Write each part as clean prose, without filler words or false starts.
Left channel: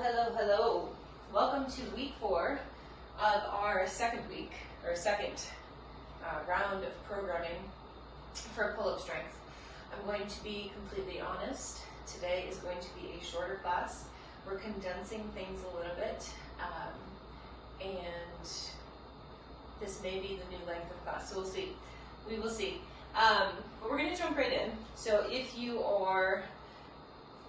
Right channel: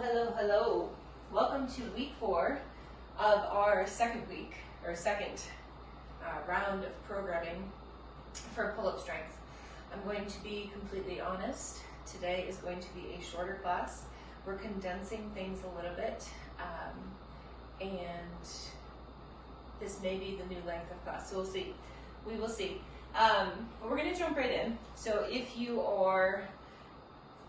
Hello. Welcome to week 4 of our second round of programming for pull-up strength. I'm going to be completely honest. Today is going to be a shorter class. We're condensing things a little bit, and this may be the new length of class, so we'll see. We will see. But we're going to jump right in. So if you are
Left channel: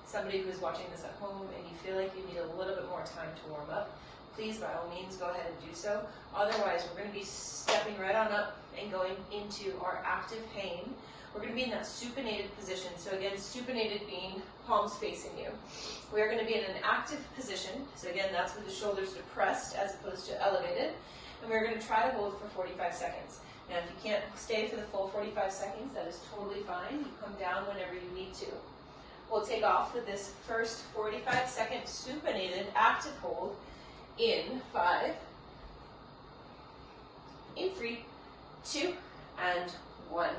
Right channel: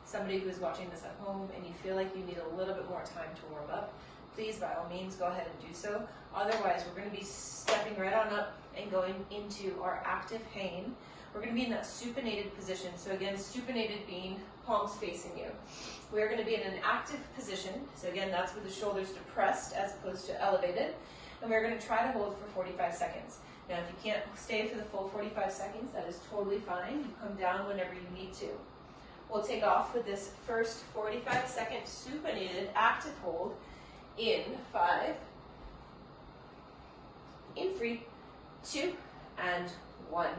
somebody who is watching this at home and you feel like you need a little bit more time to warm up, please by all means go ahead and do so. Otherwise, we're going to be stepping right on up and going into our active hang. We're going to be in that supinated position. So again, supinated being palms facing you. We're going to be in an active position. So again, that's with the shoulders depressed as opposed to elevated. And we're going to try to hold for 45 seconds. Now, if you can't stay for the full 45 seconds, that is totally fine. You come down whenever you need to. We'll take off with this first 45-second supinated active hold in 5, in 3, 2, and 1.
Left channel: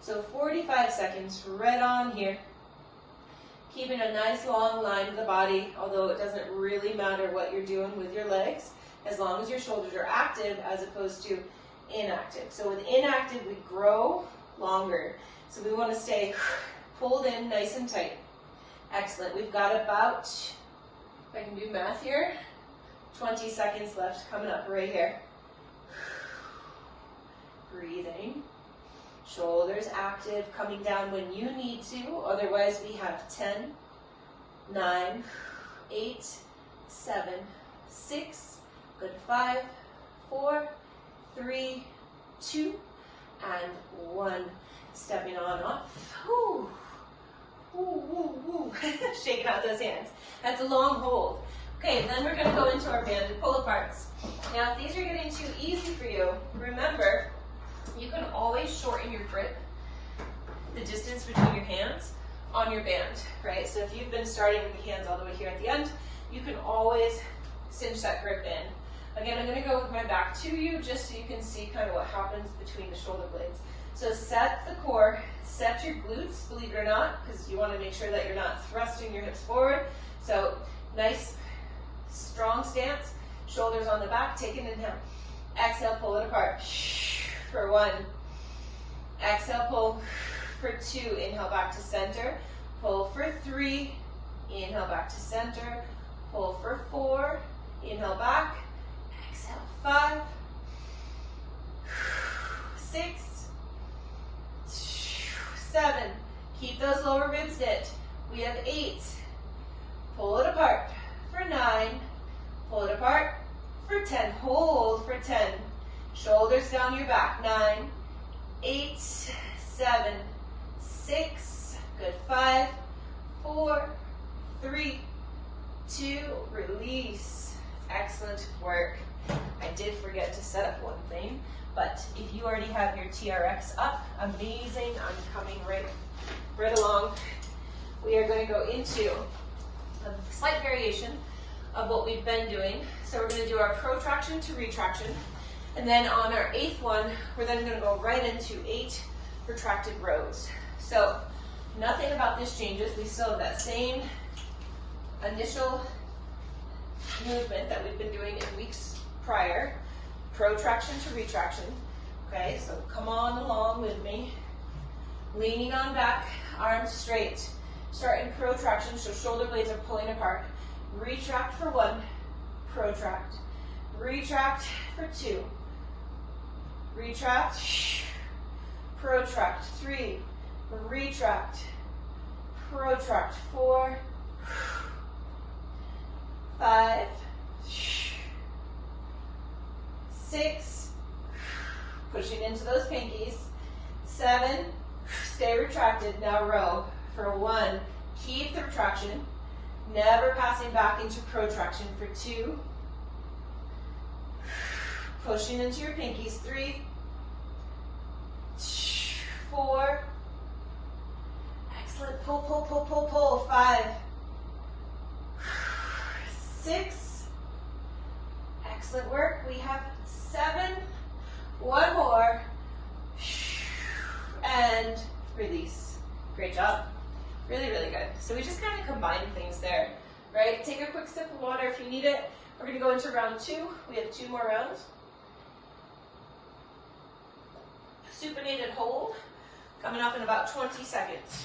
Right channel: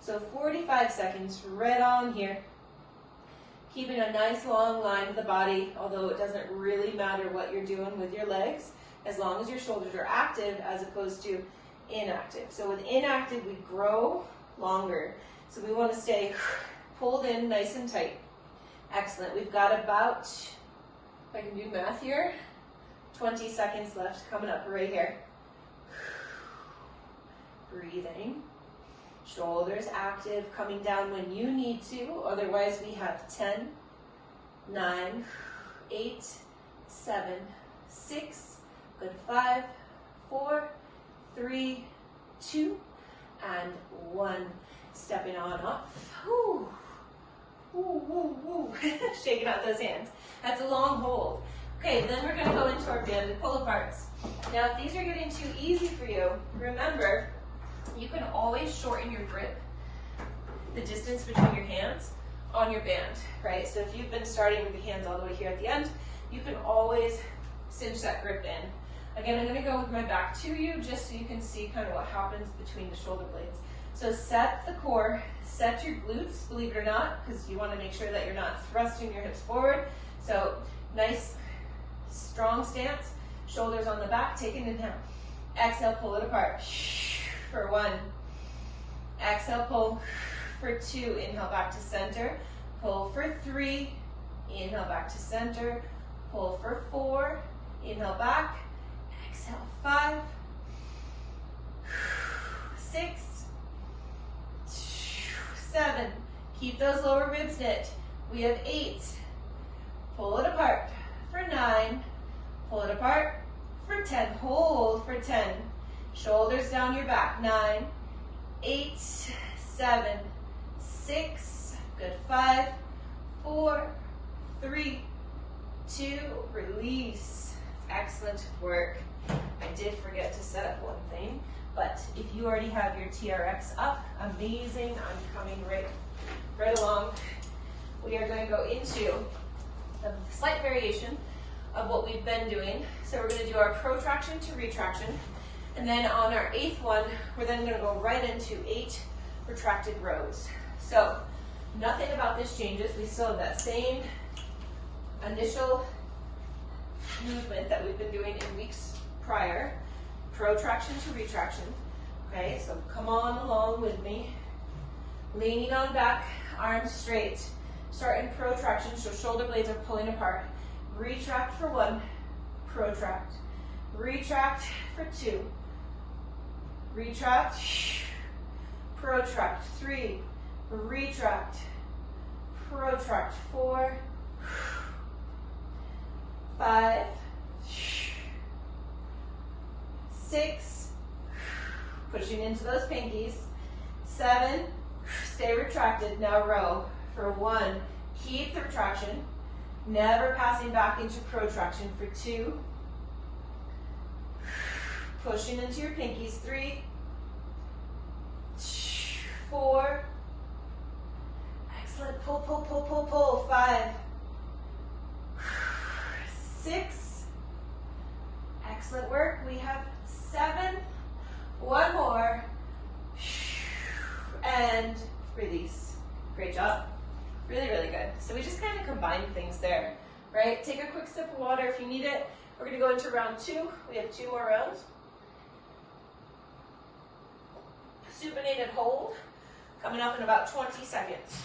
So 45 seconds right on here. Keeping a nice long line of the body, although it doesn't really matter what you're doing with your legs, as long as your shoulders are active as opposed to inactive. So with inactive, we grow longer. So we want to stay pulled in nice and tight. Excellent. We've got about, if I can do math here, 20 seconds left coming up right here. Breathing. Shoulders active, coming down when you need to. Otherwise, we have 10, 9, 8, 7, 6, good, 5, 4, 3, 2, and 1. Stepping on up. Whew. Woo, woo, woo. Shaking out those hands. That's a long hold. Okay, then we're going to go into our banded pull-aparts. Now, if these are getting too easy for you, remember, you can always shorten your grip, the distance between your hands on your band, right? So if you've been starting with the hands all the way here at the end, you can always cinch that grip in. Again, I'm going to go with my back to you just so you can see kind of what happens between the shoulder blades. So set the core, set your glutes, believe it or not, because you want to make sure that you're not thrusting your hips forward. So nice, strong stance, shoulders on the back, take an inhale. Exhale, pull it apart for 1. Exhale, pull for 2. Inhale back to center. Pull for 3. Inhale back to center. Pull for 4. Inhale back. Exhale, 5, 6, 7. Keep those lower ribs knit. We have 8. Pull it apart for 9. Pull it apart for 10. Hold for 10. Shoulders down your back. 9, 8, 7, 6. Good. 5, 4, 3, 2. Release. Excellent work. I did forget to set up one thing. But if you already have your TRX up, amazing. I'm coming right along. We are going to go into a slight variation of what we've been doing. So we're going to do our protraction to retraction. And then on our 8th one, we're then going to go right into 8 protracted rows. So nothing about this changes. We still have that same initial movement that we've been doing in weeks prior. Protraction to retraction. Okay, so come on along with me. Leaning on back, arms straight. Start in protraction, so shoulder blades are pulling apart. Retract for 1, protract. Retract for 2. Retract, protract. 3, retract, protract. 4, 5, 6, pushing into those pinkies. 7, stay retracted. Now row for 1. Keep the retraction, never passing back into protraction for 2. Pushing into your pinkies. 3, 4. Excellent. Pull, pull, pull, pull, pull. 5, 6. Excellent work. We have 7. 1 more. And release. Great job. Really, really good. So we just kind of combined things there. right? Take a quick sip of water if you need it. We're gonna go into round 2. We have 2 more rounds. Supinated hold, coming up in about 20 seconds.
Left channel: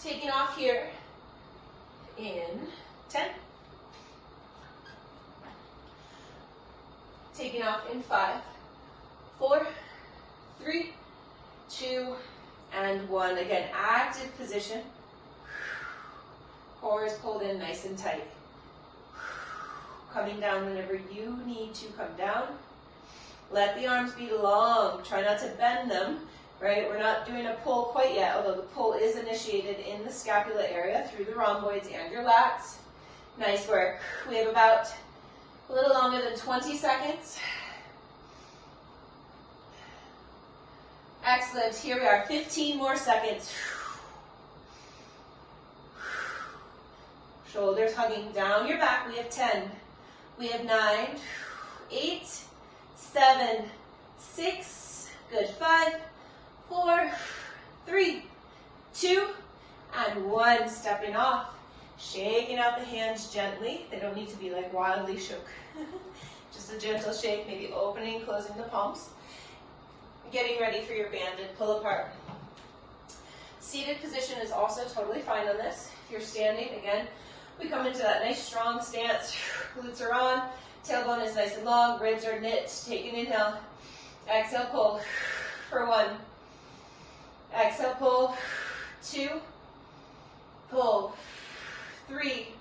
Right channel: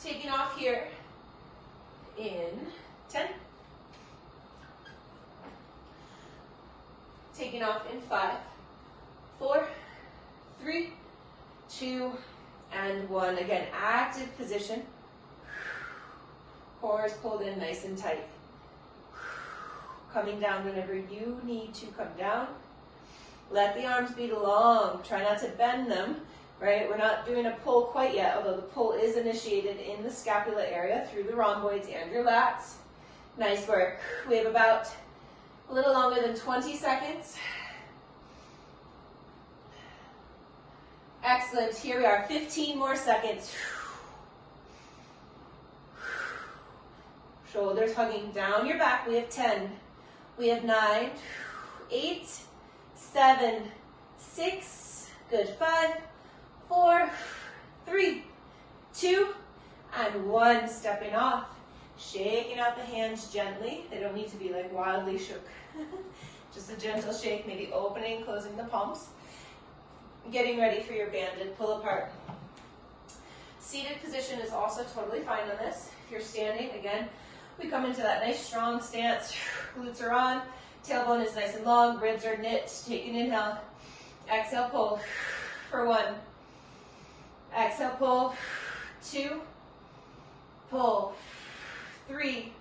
Taking off here in 10. Taking off in 5, 4, 3, 2, and 1. Again, active position. Core is pulled in nice and tight. Coming down whenever you need to come down. Let the arms be long. Try not to bend them, right? We're not doing a pull quite yet, although the pull is initiated in the scapula area through the rhomboids and your lats. Nice work. We have about a little longer than 20 seconds. Excellent. Here we are. 15 more seconds. Shoulders hugging down your back. We have 10. We have 9, 8, 7, 6, good, 5, 4, 3, 2, and 1. Stepping off. Shaking out the hands gently. They don't need to be like wildly shook. Just a gentle shake, maybe opening, closing the palms. Getting ready for your banded pull apart. Seated position is also totally fine on this. If you're standing, again, we come into that nice strong stance. Glutes are on, tailbone is nice and long, ribs are knit. Take an inhale. Exhale, pull for 1. Exhale, pull. 2. Pull. 3.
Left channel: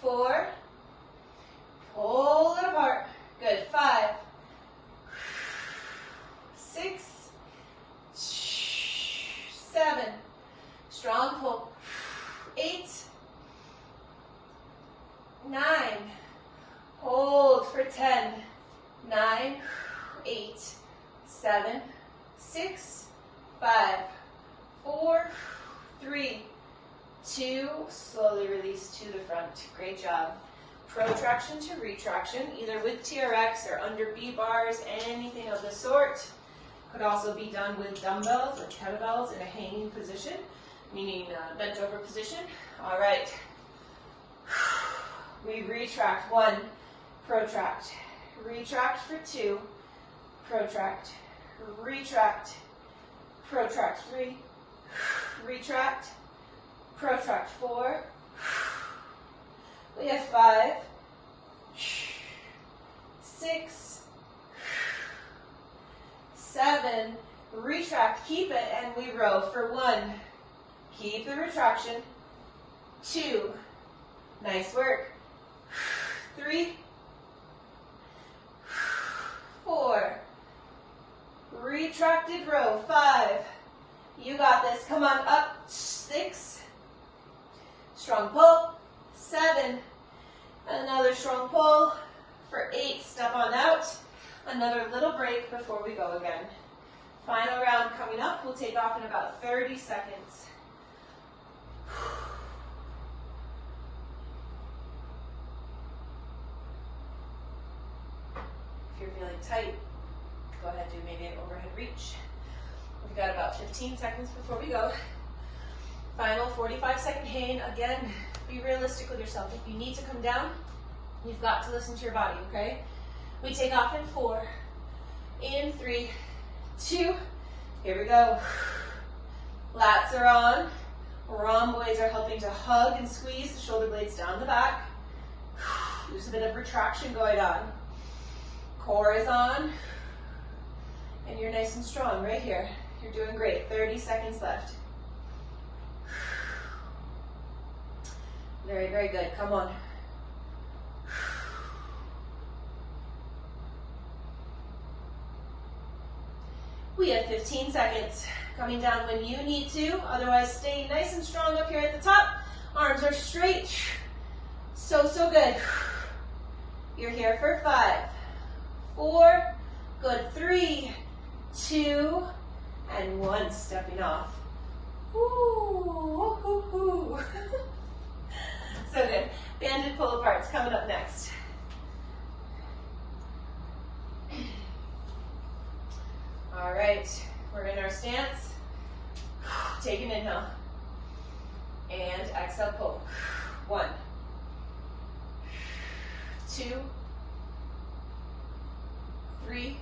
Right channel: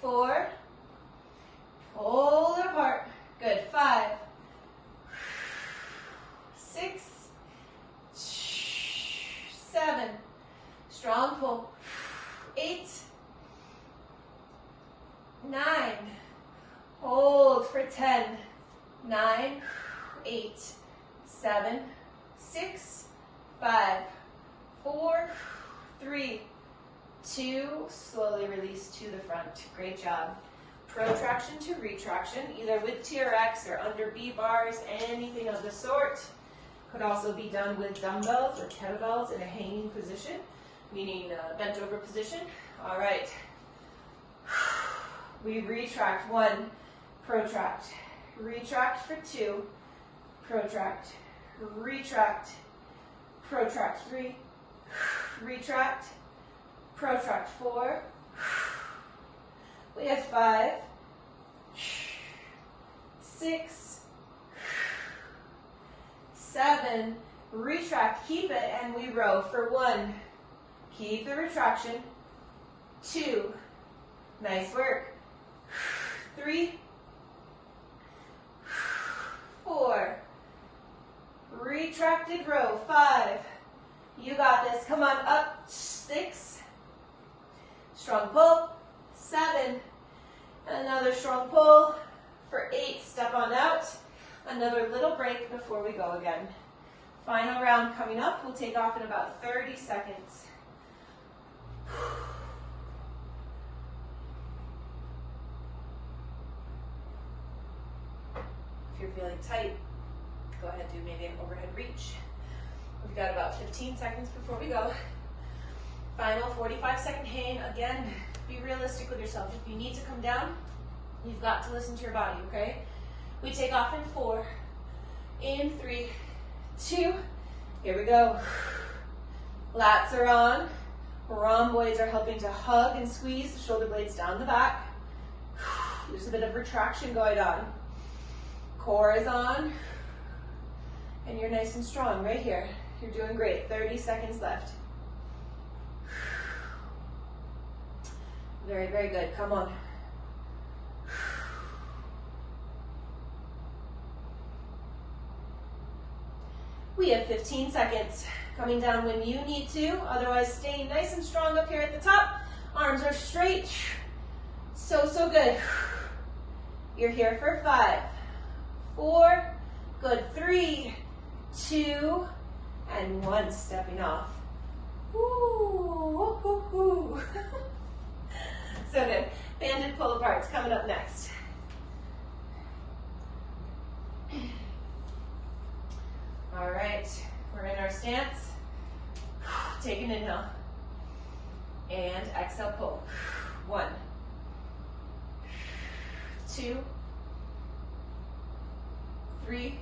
4. Pull it apart. Good. 5. 6. 7. Strong pull. 8. 9. Hold for 10. 9, 8, 7, 6, 5, 4, 3, 2. Slowly release to the front. Great job. Protraction to retraction, either with TRX or under B bars, anything of the sort. Could also be done with dumbbells or kettlebells in a hanging position, meaning bent over position. All right. We retract. 1, protract. Retract for 2, protract. Retract. Protract 3, retract. Protract 4. We have 5, 6, 7, retract, keep it, and we row for 1. Keep the retraction. 2, nice work. 3, 4, retracted row. 5, you got this. Come on, up. 6, strong pull. 7, another strong pull. For 8, step on out. Another little break before we go again. Final round coming up. We'll take off in about 30 seconds. If you're feeling tight, go ahead and do maybe an overhead reach. We've got about 15 seconds before we go. Final 45-second hang. Again, be realistic with yourself. If you need to come down, you've got to listen to your body, okay? We take off in 4, in 3, 2, here we go. Lats are on. Rhomboids are helping to hug and squeeze the shoulder blades down the back. There's a bit of retraction going on. Core is on. And you're nice and strong right here. You're doing great. 30 seconds left. Very, very good. Come on. We have 15 seconds. Coming down when you need to. Otherwise, stay nice and strong up here at the top. Arms are straight. So, so good. You're here for 5, 4, good. 3, 2, and 1. Stepping off. Woo, woo, woo. So good. Banded pull aparts coming up next. All right, we're in our stance. Take an inhale. And exhale, pull. 1, 2, 3,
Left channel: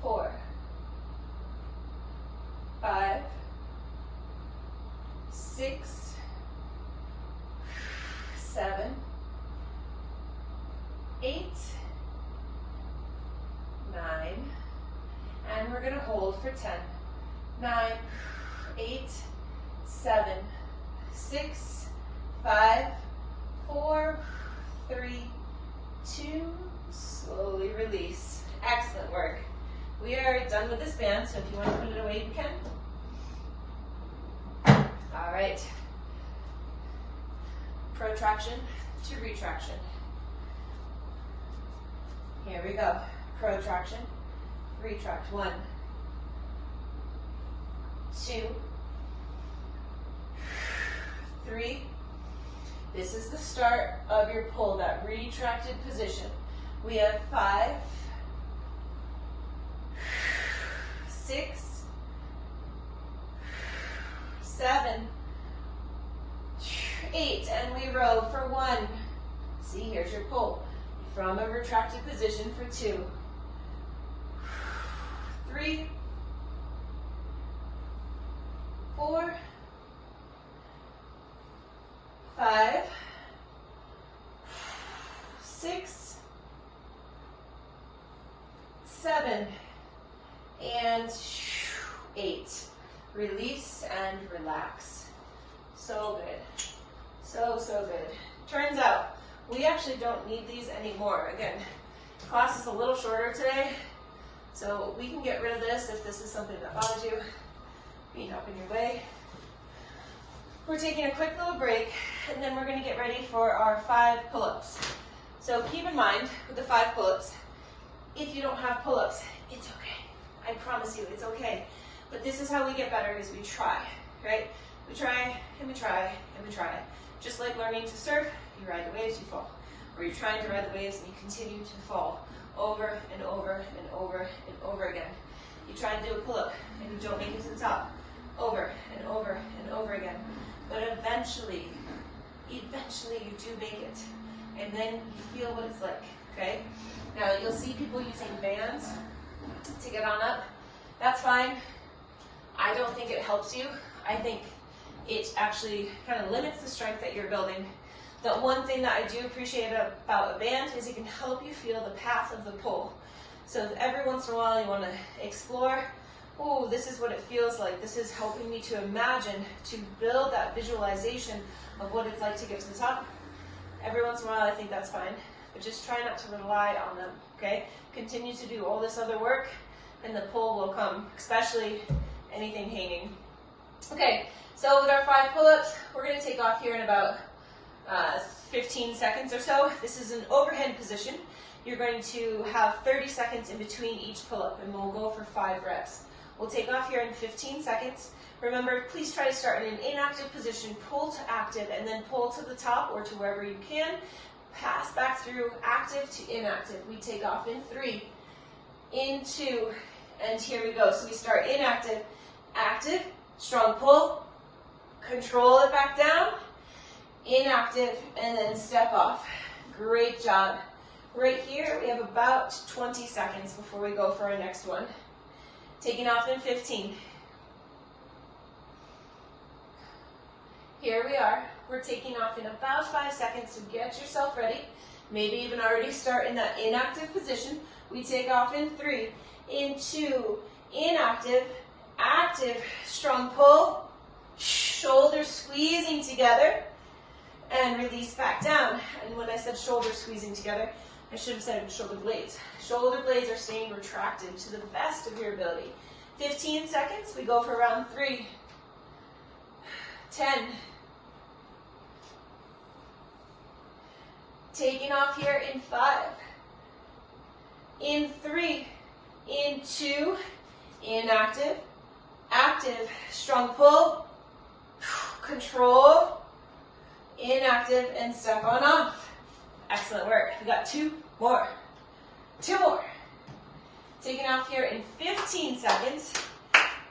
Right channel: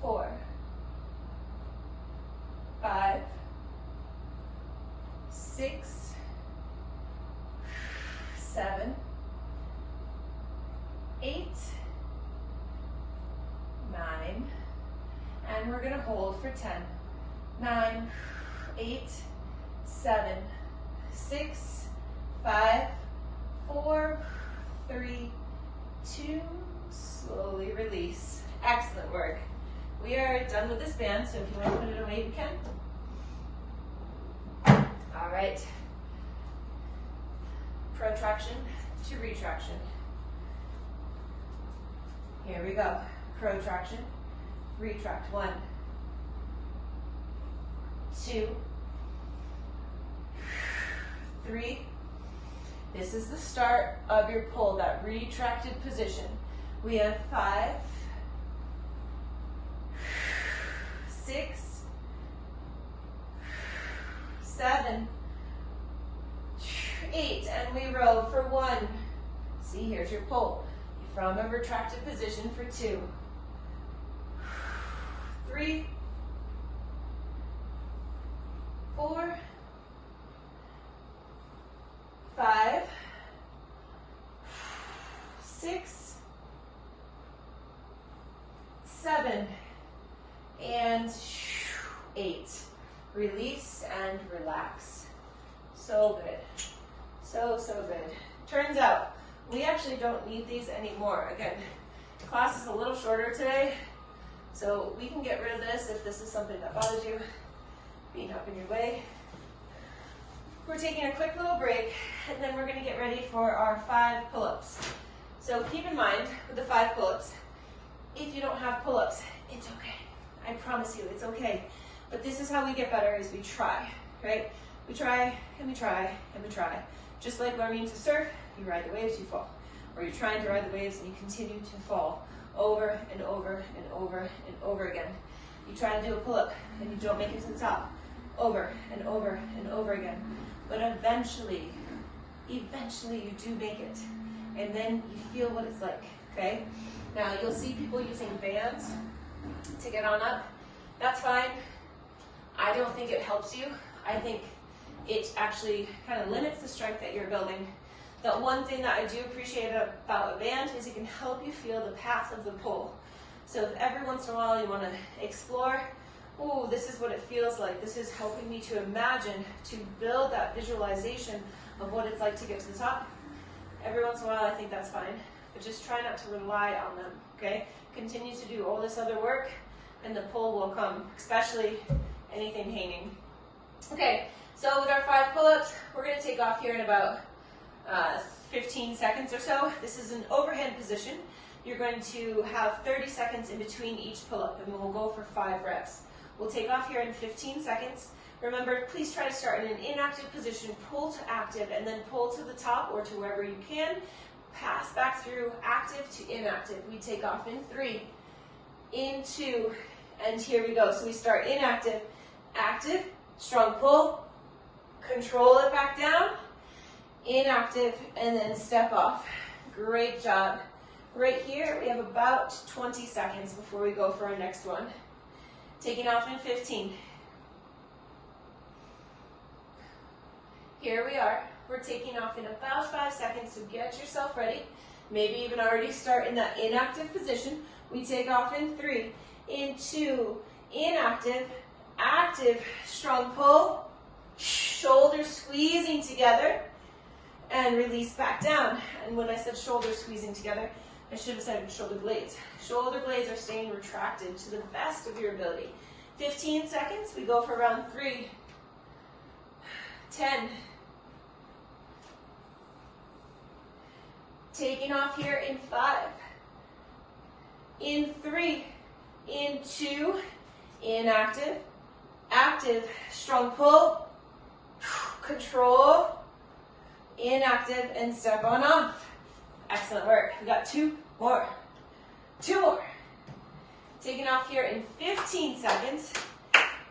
4, 5, 6, 7, 8, 9, and we're going to hold for 10. 9, 8, 7, 6, 5, 4, 3, 2, slowly release. Excellent work. We are done with this band, so if you want to put it away, you can. All right. Protraction to retraction. Here we go. Protraction, retract. 1, 2, 3. This is the start of your pull, that retracted position. We have 5, 6, 7, 8, and we row for 1. See, here's your pull from a retracted position for 2, 3, 4, 5, 6, 7, and 8. Release and relax. So good. So good. Turns out, we actually don't need these anymore. Again, class is a little shorter today, so we can get rid of this if this is something that bothers you, being up in your way. We're taking a quick little break, and then we're going to get ready for our 5 pull-ups. So keep in mind, with the 5 pull-ups, if you don't have pull-ups, it's okay. I promise you, it's okay. But this is how we get better, is we try, right? We try, and we try, and we try. Just like learning to surf, you ride the waves, you fall. Or you're trying to ride the waves, and you continue to fall over and over and over and over again. You try to do a pull-up, and you don't make it to the top. Over and over and over again. But eventually you do make it. And then you feel what it's like, okay? Now, you'll see people using bands to get on up. That's fine. I don't think it helps you. I think it actually kind of limits the strength that you're building. The one thing that I do appreciate about a band is it can help you feel the path of the pull. So if every once in a while you want to explore, oh, this is what it feels like. This is helping me to imagine, to build that visualization of what it's like to get to the top. Every once in a while, I think that's fine. But just try not to rely on them, okay? Continue to do all this other work, and the pull will come, especially anything hanging. Okay, so with our 5 pull-ups, we're going to take off here in about 15 seconds or so. This is an overhead position. You're going to have 30 seconds in between each pull-up, and we'll go for 5 reps. We'll take off here in 15 seconds. Remember, please try to start in an inactive position, pull to active, and then pull to the top or to wherever you can. Pass back through active to inactive. We take off in 3, in 2, and here we go. So we start inactive, active, strong pull, control it back down, inactive, and then step off. Great job. Right here, we have about 20 seconds before we go for our next one. Taking off in 15. Here we are. We're taking off in about 5 seconds to get yourself ready. Maybe even already start in that inactive position. We take off in 3, in 2, inactive, active, strong pull, shoulders squeezing together, and release back down. And when I said shoulders squeezing together, I should have said shoulder blades. Shoulder blades are staying retracted to the best of your ability. 15 seconds, we go for round 3, 10, taking off here in 5, in 3, in 2, inactive, active, strong pull, control, inactive, and step on off. Excellent work. We got 2 more. 2 more. Taking off here in 15 seconds.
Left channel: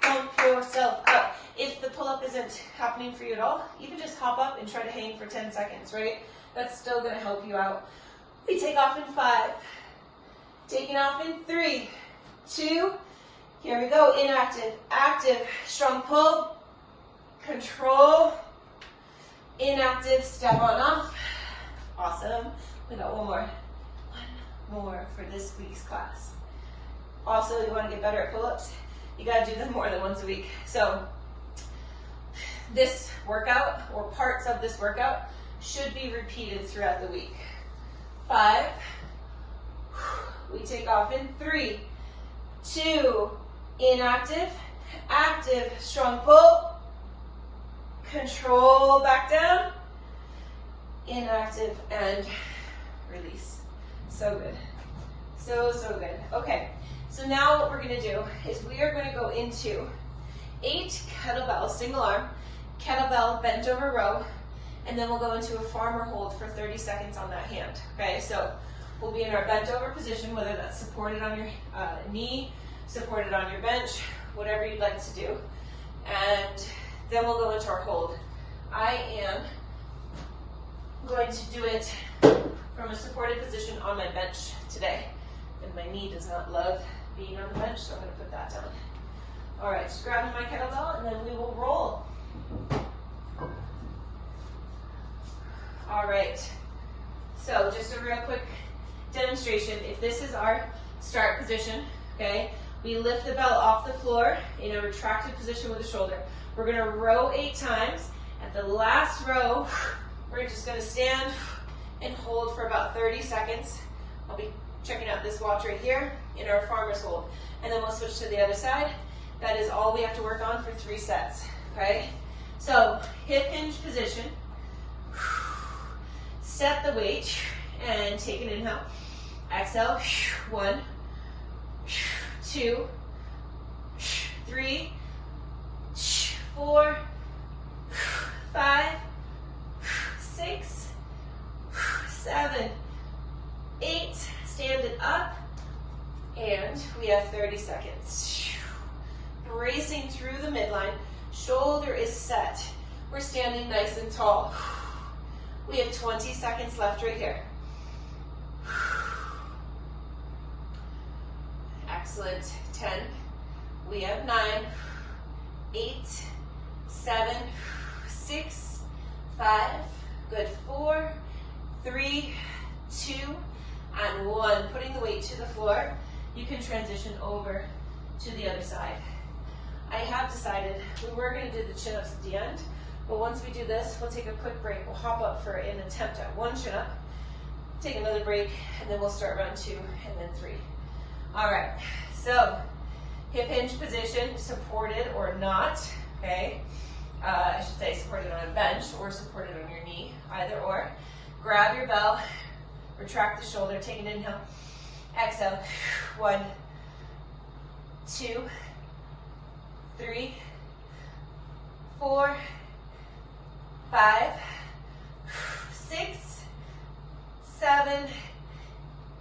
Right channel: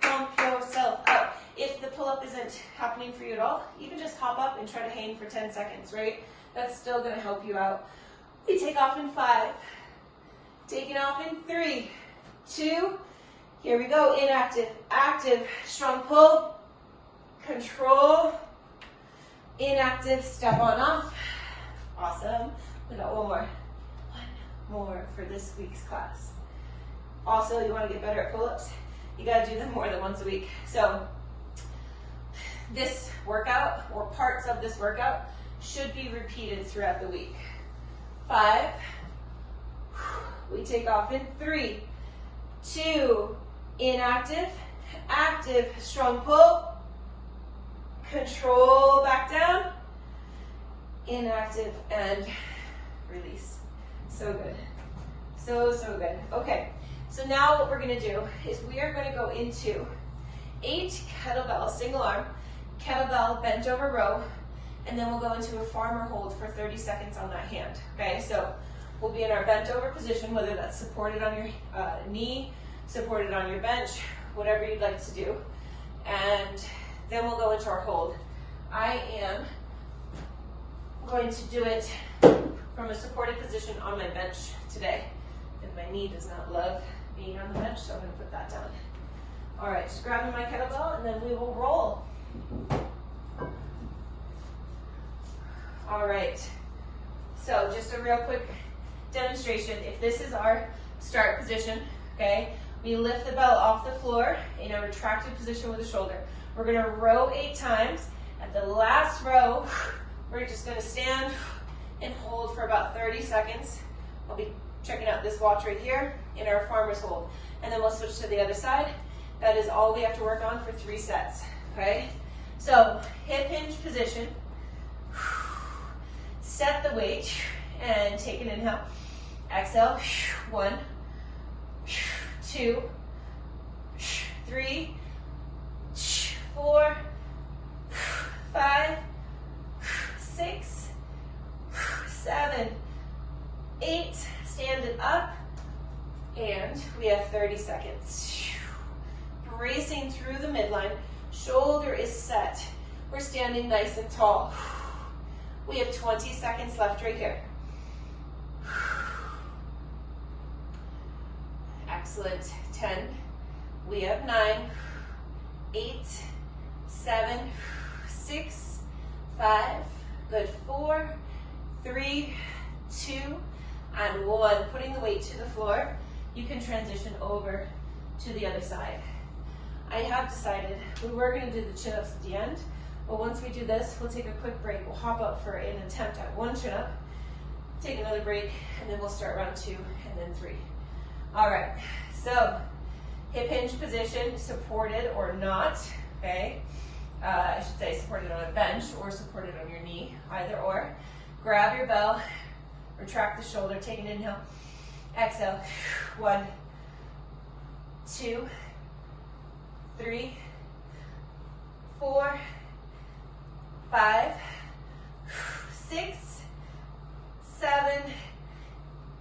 Pump yourself out. If the pull-up isn't happening for you at all, you can just hop up and try to hang for 10 seconds, right? That's still gonna help you out. We take off in 5, taking off in 3, 2, here we go, inactive, active, strong pull, control, inactive, step on off. Awesome. We got one more for this week's class. Also, you want to get better at pull-ups, you got to do them more than once a week. So this workout, or parts of this workout, should be repeated throughout the week. 5, we take off in 3, 2, inactive, active, strong pull, control, back down, inactive, and release. So good. So good. Okay, so now what we're going to do is we are going to go into 8 kettlebell single arm, kettlebell bent over row, and then we'll go into a farmer hold for 30 seconds on that hand. Okay, so we'll be in our bent over position, whether that's supported on your knee, supported on your bench, whatever you'd like to do. And then we'll go into our hold. I am going to do it from a supported position on my bench today. And my knee does not love being on the bench, so I'm going to put that down. All right, just grabbing my kettlebell, and then we will roll. All right, so just a real quick demonstration. If this is our start position, okay, we lift the belt off the floor in a retracted position with the shoulder. We're going to row 8 times. At the last row, we're just going to stand and hold for about 30 seconds. I'll be checking out this watch right here in our farmer's hold. And then we'll switch to the other side. That is all we have to work on for 3 sets, okay? So, hip hinge position. Set the weight and take an inhale. Exhale. 1, 2, 3, 4, 5, 6, 7, 8. Stand it up. And we have 30 seconds. Bracing through the midline. Shoulder is set. We're standing nice and tall. We have 20 seconds left right here. Excellent. 10. We have 9, 8, 7, 6, 5. Good. 4, 3, 2, and 1. Putting the weight to the floor. You can transition over to the other side. I have decided we were going to do the chin-ups at the end, but once we do this, we'll take a quick break. We'll hop up for an attempt at 1 chin-up, take another break, and then we'll start round 2 and then 3. All right, so hip hinge position, supported or not, okay? I should say supported on a bench or supported on your knee, either or. Grab your bell, retract the shoulder, take an inhale, exhale. 1, 2, 3, 4, 5, 6, 7,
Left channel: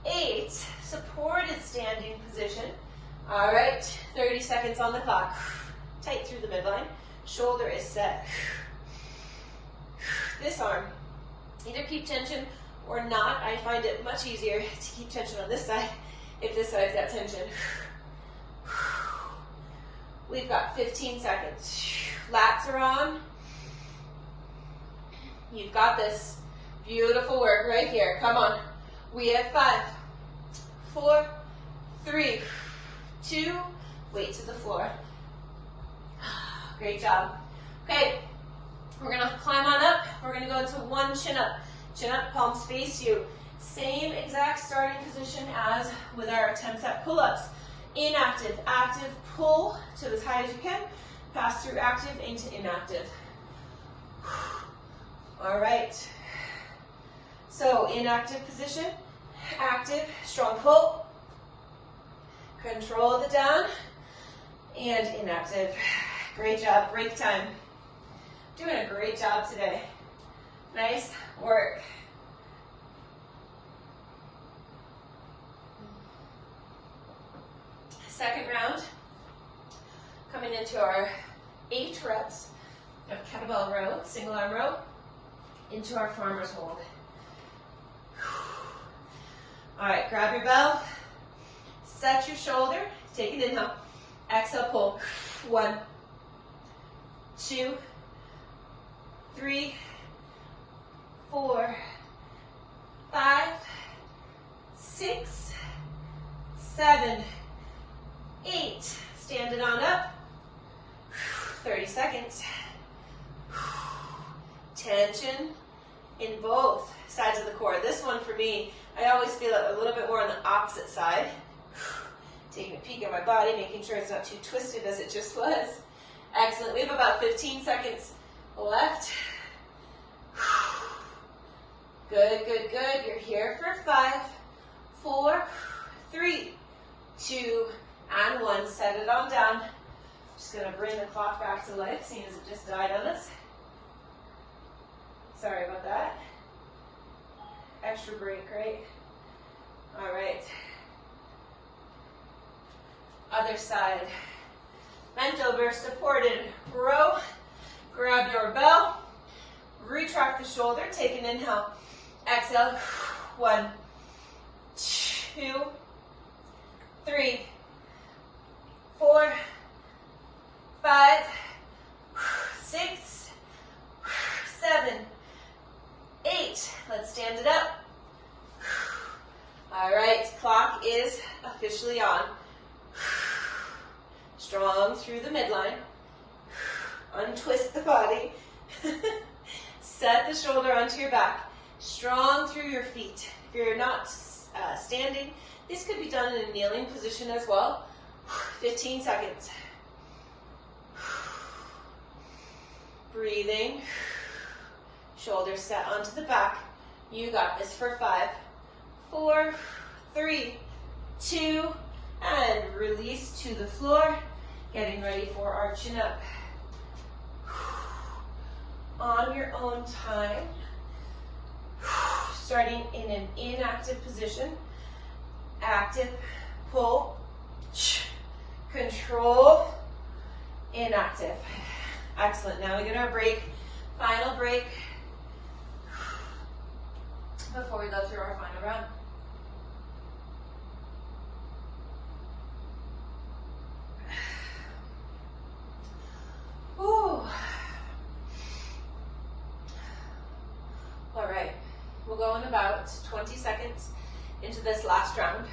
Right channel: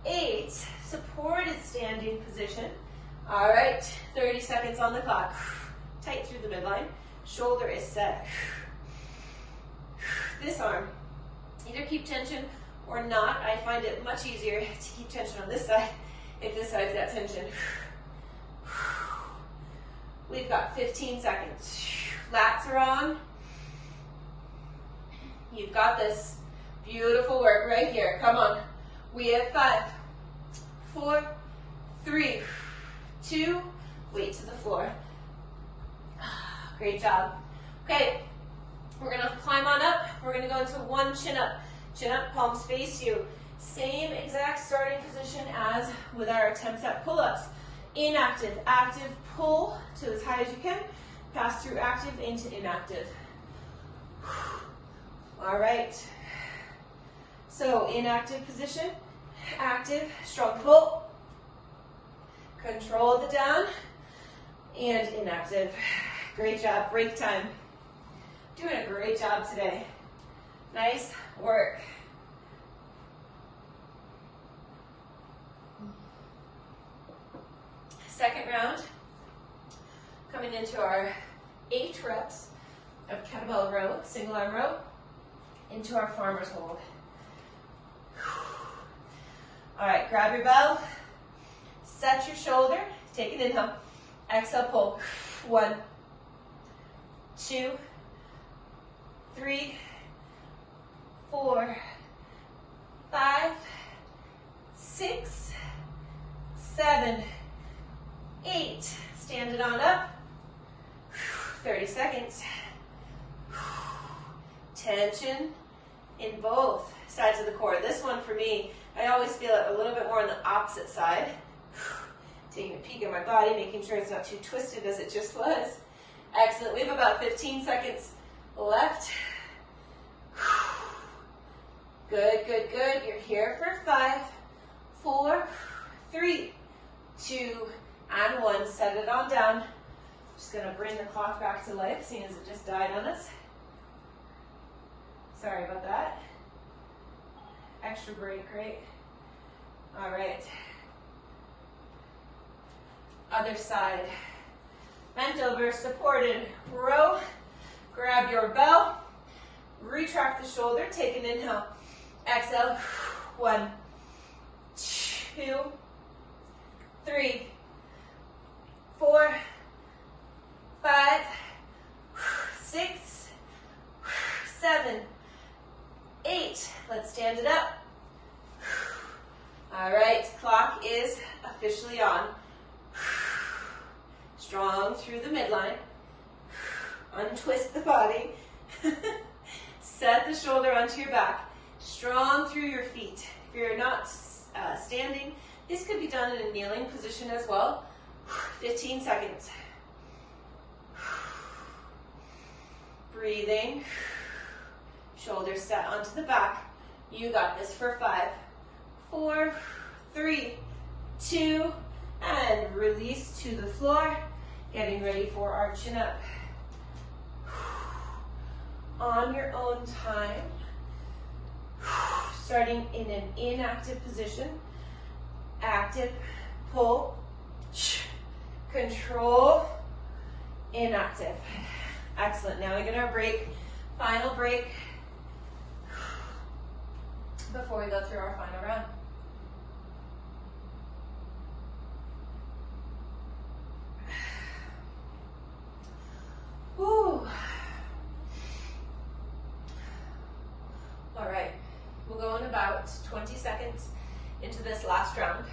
8. Supported standing position. All right, 30 seconds on the clock. Tight through the midline. Shoulder is set. This arm, either keep tension or not. I find it much easier to keep tension on this side if this side's got tension. We've got 15 seconds. Lats are on. You've got this. Beautiful work right here. Come on. We have 5, 4, 3, 2, weight to the floor. Great job. Okay, we're gonna climb on up. We're gonna go into 1 chin up. Chin up, palms face you. Same exact starting position as with our attempts at pull-ups. Inactive, active, pull to as high as you can. Pass through active into inactive. All right. So inactive position, active, strong pull. Control the down and inactive. Great job. Break time. Doing a great job today. Nice work. Second round. Coming into our 8 reps of kettlebell row, single arm row, into our farmer's hold. All right, grab your bell, set your shoulder, take an inhale, exhale, pull. 1, 2, 3, 4, 5, 6, 7, 8. Stand it on up. 30 seconds. Tension in both sides of the core. This one for me, I always feel it a little bit more on the opposite side. Taking a peek at my body, making sure it's not too twisted as it just was. Excellent. We have about 15 seconds left. Good, good, good. You're here for 5, 4, 3, 2, and 1. Set it on down. Just gonna bring the clock back to life, seeing as it just died on us. Sorry about that. Extra break, right? All right. Other side. Bent over, supported row. Grab your bell. Retract the shoulder. Take an inhale. Exhale. 1, 2, 3, 4, 5, 6, 7, 8. Let's stand it up. All right, clock is officially on. Strong through the midline. Untwist the body. Set the shoulder onto your back. Strong through your feet. If you're not standing, this could be done in a kneeling position as well. 15 seconds. Breathing. Shoulders set onto the back. You got this for 5, 4, 3, 2, and release to the floor. Getting ready for arching up. On your own time. Starting in an inactive position. Active, pull, control, inactive. Excellent. Now we get our break, final break, before we go through our final round. Whew. All right, we'll go in about 20 seconds into this last round.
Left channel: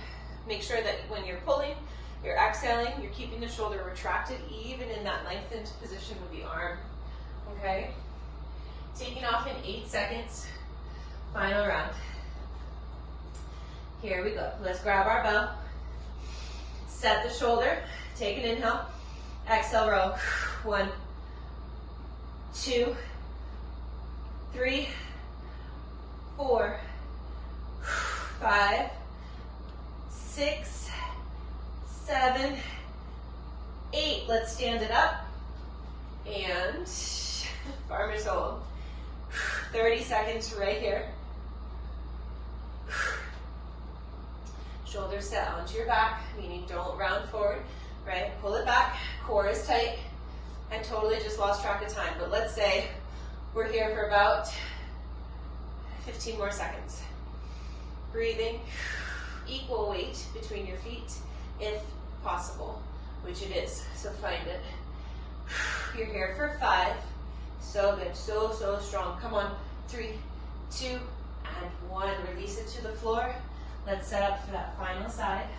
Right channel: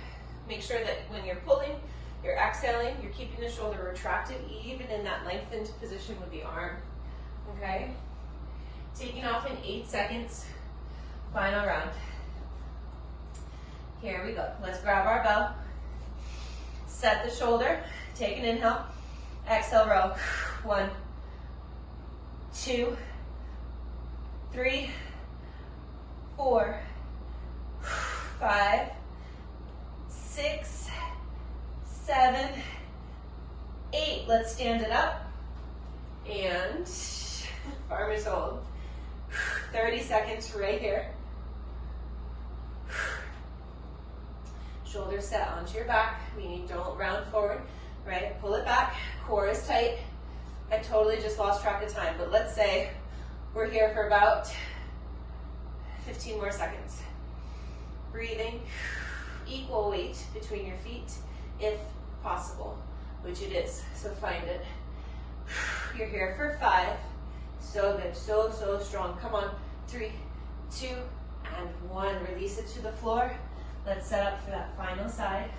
Make sure that when you're pulling, you're exhaling, you're keeping the shoulder retracted, even in that lengthened position with the arm, okay? Taking off in 8 seconds, final round. Here we go. Let's grab our bell, set the shoulder, take an inhale, exhale, row. 1, 2, 3, 4, 5, 6, 7, 8. Let's stand it up. And farmer's hold. 30 seconds right here. Shoulders set onto your back, meaning don't round forward, right? Pull it back, core is tight. I totally just lost track of time, but let's say we're here for about 15 more seconds. Breathing, equal weight between your feet, if possible, which it is, so find it. You're here for 5, so good, so strong. Come on, 3, 2, and 1. Release it to the floor. Let's set up for that final side.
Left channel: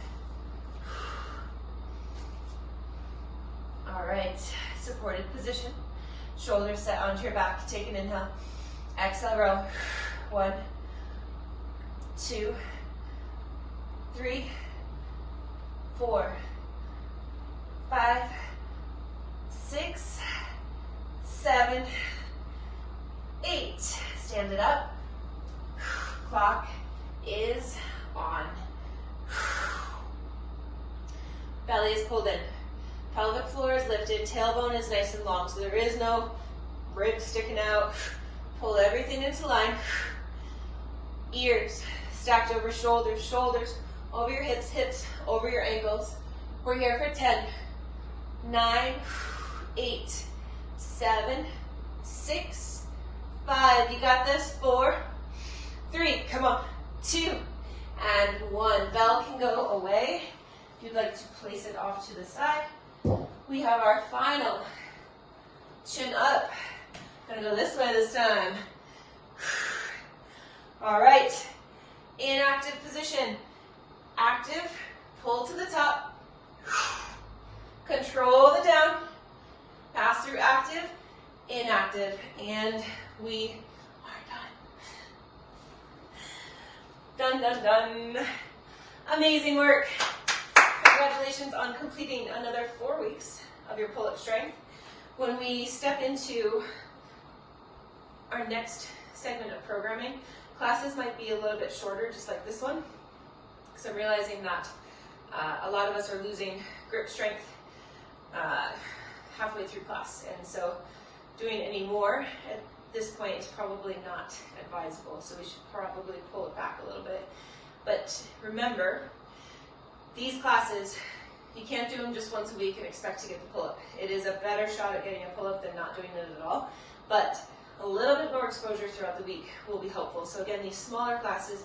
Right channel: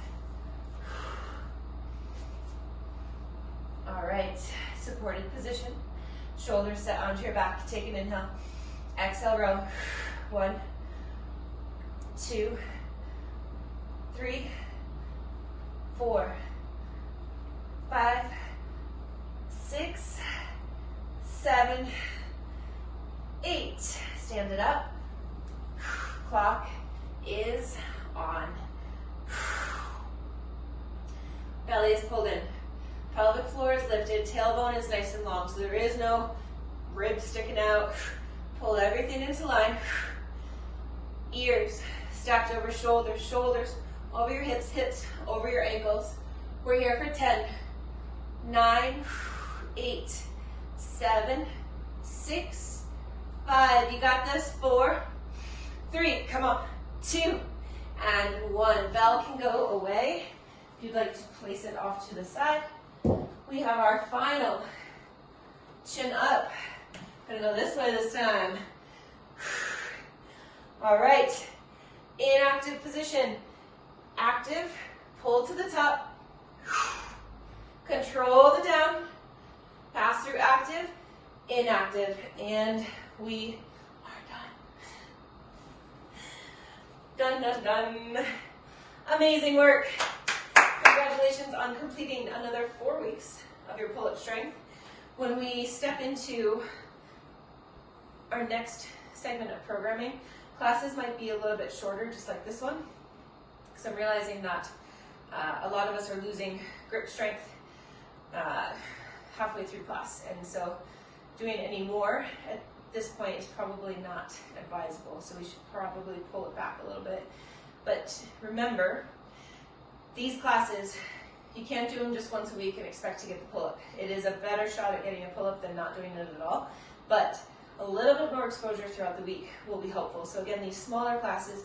All right, supported position. Shoulders set onto your back. Take an inhale. Exhale, row. 1, 2, 3, 4, 5, 6, 7, 8. Stand it up. Clock is on. Belly is pulled in. Pelvic floor is lifted. Tailbone is nice and long, so there is no ribs sticking out. Pull everything into line. Ears stacked over shoulders, shoulders over your hips, hips over your ankles. We're here for 10, 9, 8, 7, 6, 5. You got this. 4, 3. Come on. 2, and 1. Bell can go away. If you'd like to place it off to the side. We have our final chin up. Gonna go this way this time. All right. Inactive position. Active. Pull to the top. Control the down. Pass through active. Inactive. And we are done. Done, done, done. Amazing work. Congratulations on completing another 4 weeks of your pull-up strength. When we step into our next segment of programming, classes might be a little bit shorter, just like this one, because I'm realizing that a lot of us are losing grip strength halfway through class, and so doing any more at this point is probably not advisable, so we should probably pull it back a little bit. But remember, these classes, you can't do them just once a week and expect to get the pull-up. It is a better shot at getting a pull-up than not doing it at all, but a little bit more exposure throughout the week will be helpful. So again, these smaller classes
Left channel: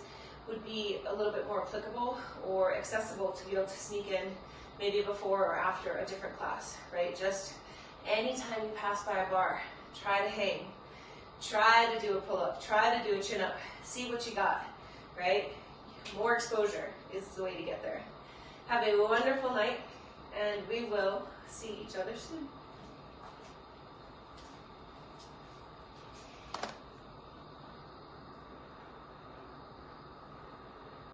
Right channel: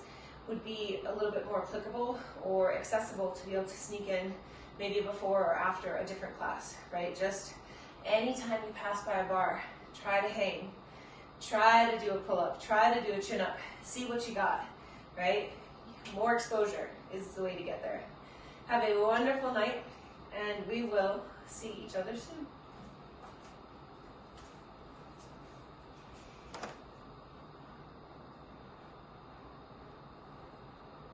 would be a little bit more applicable or accessible to be able to sneak in maybe before or after a different class, right? Just anytime you pass by a bar, try to hang, try to do a pull-up, try to do a chin-up, see what you got, right? More exposure is the way to get there. Have a wonderful night, and we will see each other soon.